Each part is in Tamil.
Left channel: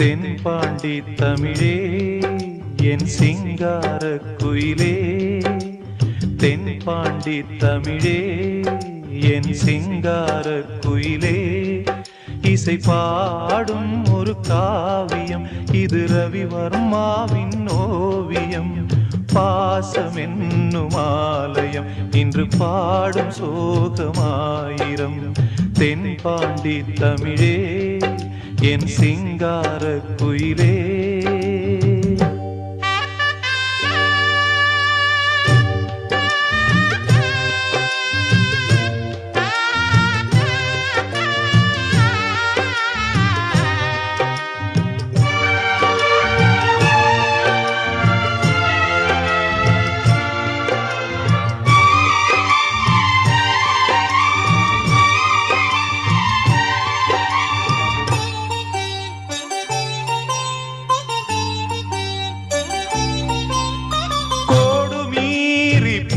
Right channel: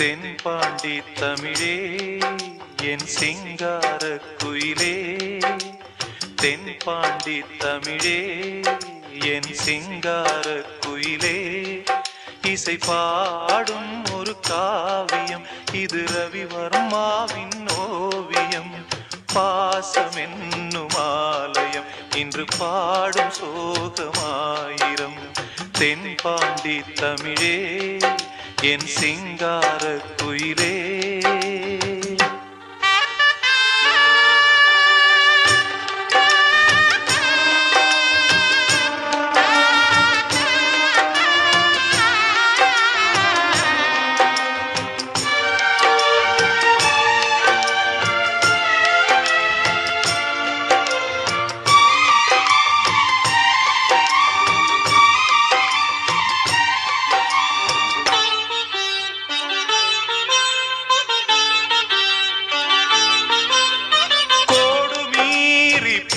தென்பாண்டி தமிழே என் சிங்கார குயிலே, தென்பாண்டி தமிழே என் சிங்கார குயிலே. இசை பாடும் ஒரு காவியம் இது ரவிவர்மாவின் ஓவியம். பாசம் என்னும் ஆலயம் இன்று பாடும் சோகமாயிரம். தென்பாண்டி தமிழே என் சிங்கார குயிலே.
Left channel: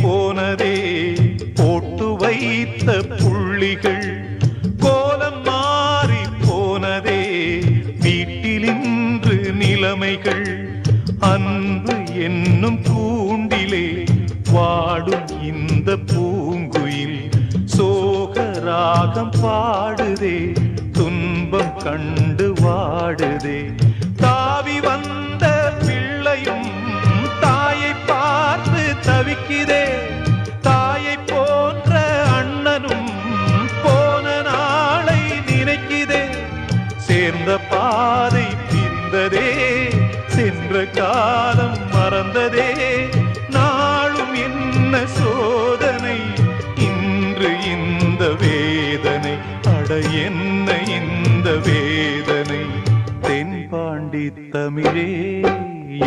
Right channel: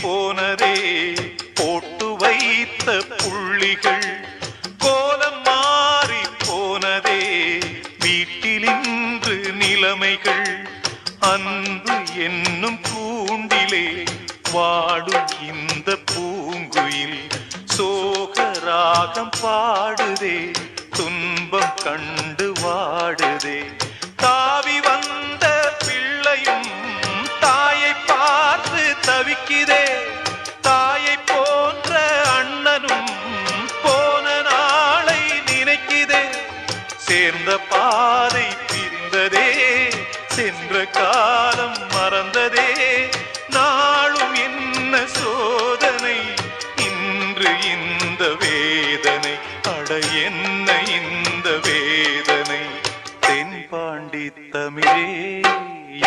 போனதே போட்டு வைத்த புள்ளிகள், கோலம் மாறி போனதே வீட்டிலின்று நிலைமைகள். அன்பு என்னும் கூண்டிலே வாடும் இந்த பூங்குயில் சோகராகம் பாடுதே, துன்பம் கண்டு வாடுதே. தாவி வந்த பிள்ளையும் தாயை பார்த்து தவிக்குதே, தாயை போன்ற அண்ணனும் போன நாளை நினைக்குதே. சேர்ந்த பாதை பிரிந்ததே, சென்ற காலம் மறந்ததே. நாளும் என்ன சோதனை, இன்று இந்த வேதனை, அட என்ன இந்த வேதனை. தென்பாண்டி தமிழே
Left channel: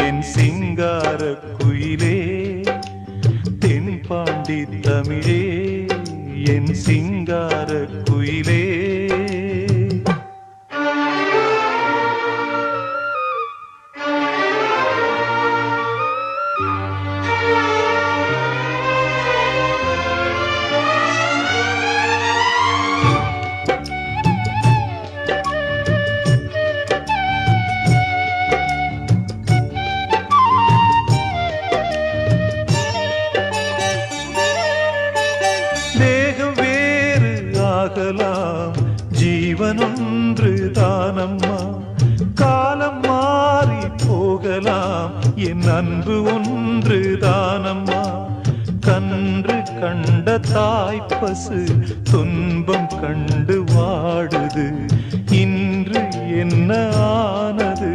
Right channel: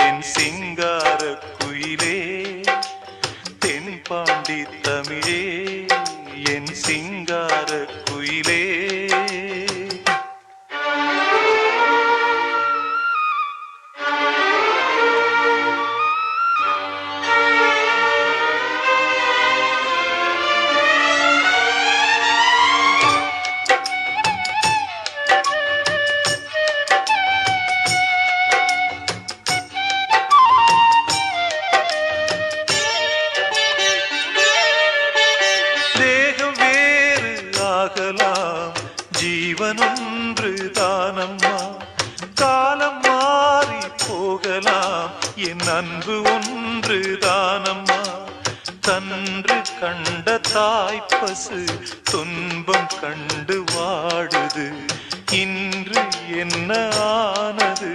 என் சிங்கார குயிலே, தென்பாண்டி தமிழே என் சிங்கார குயிலே. தேகம் வேறு ஆகலாம், ஜீவன் ஒன்று தானம்மா. காலம் மாறி போகலாம், என் அன்பு ஒன்று தானம்மா. கன்று கண்ட தாய்ப்பசு துன்பம் கண்டு வாடுது, இன்று என்ன ஆனது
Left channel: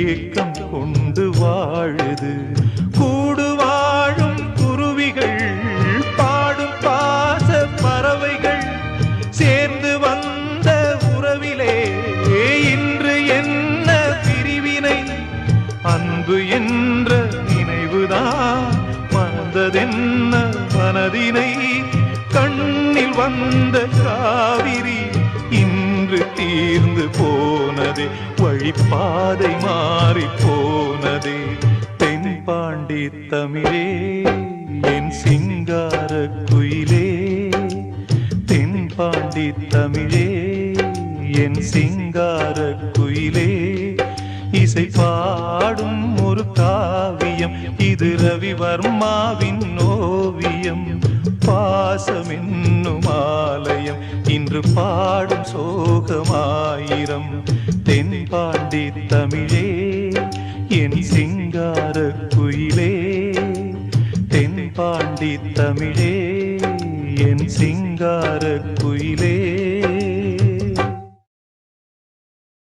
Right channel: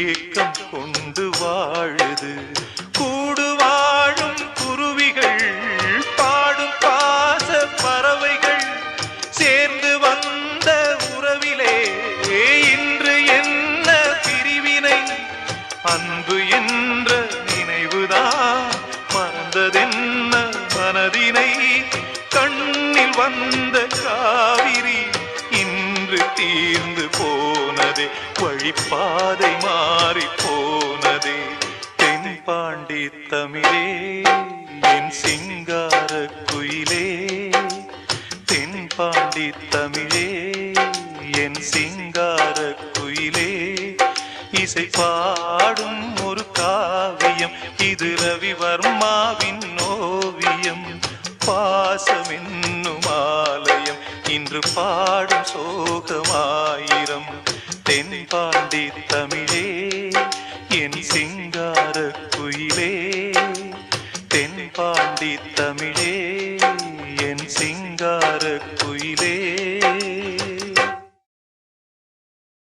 ஏக்கம் கொண்டு வாழுது. கூடு வாழும் குருவிகள் பாடும் பாச பறவைகள், சேர்ந்து வந்த உறவிலே இன்று என்ன பிரிவினை. அன்பு என்ற நினைவுதான் மறந்ததென்ன மனதினை. கண்ணில் வந்த காவிரி இன்று தீர்ந்து போனதே, வழிப்பாதை மாறி போனதே. தென்பாண்டி தமிழே என் சிங்கார குயிலே, தென்பாண்டி தமிழே என் சிங்கார குயிலே. இசை பாடும் ஒரு காவியம் இது ரவிவர்மாவின் ஓவியம். பாசம் என்னும் ஆலயம் இன்று பாடும் சோகமாயிரம். தென்பாண்டி தமிழே என் சிங்கார குயிலே, தென்பாண்டி தமிழே என் சிங்கார குயிலே.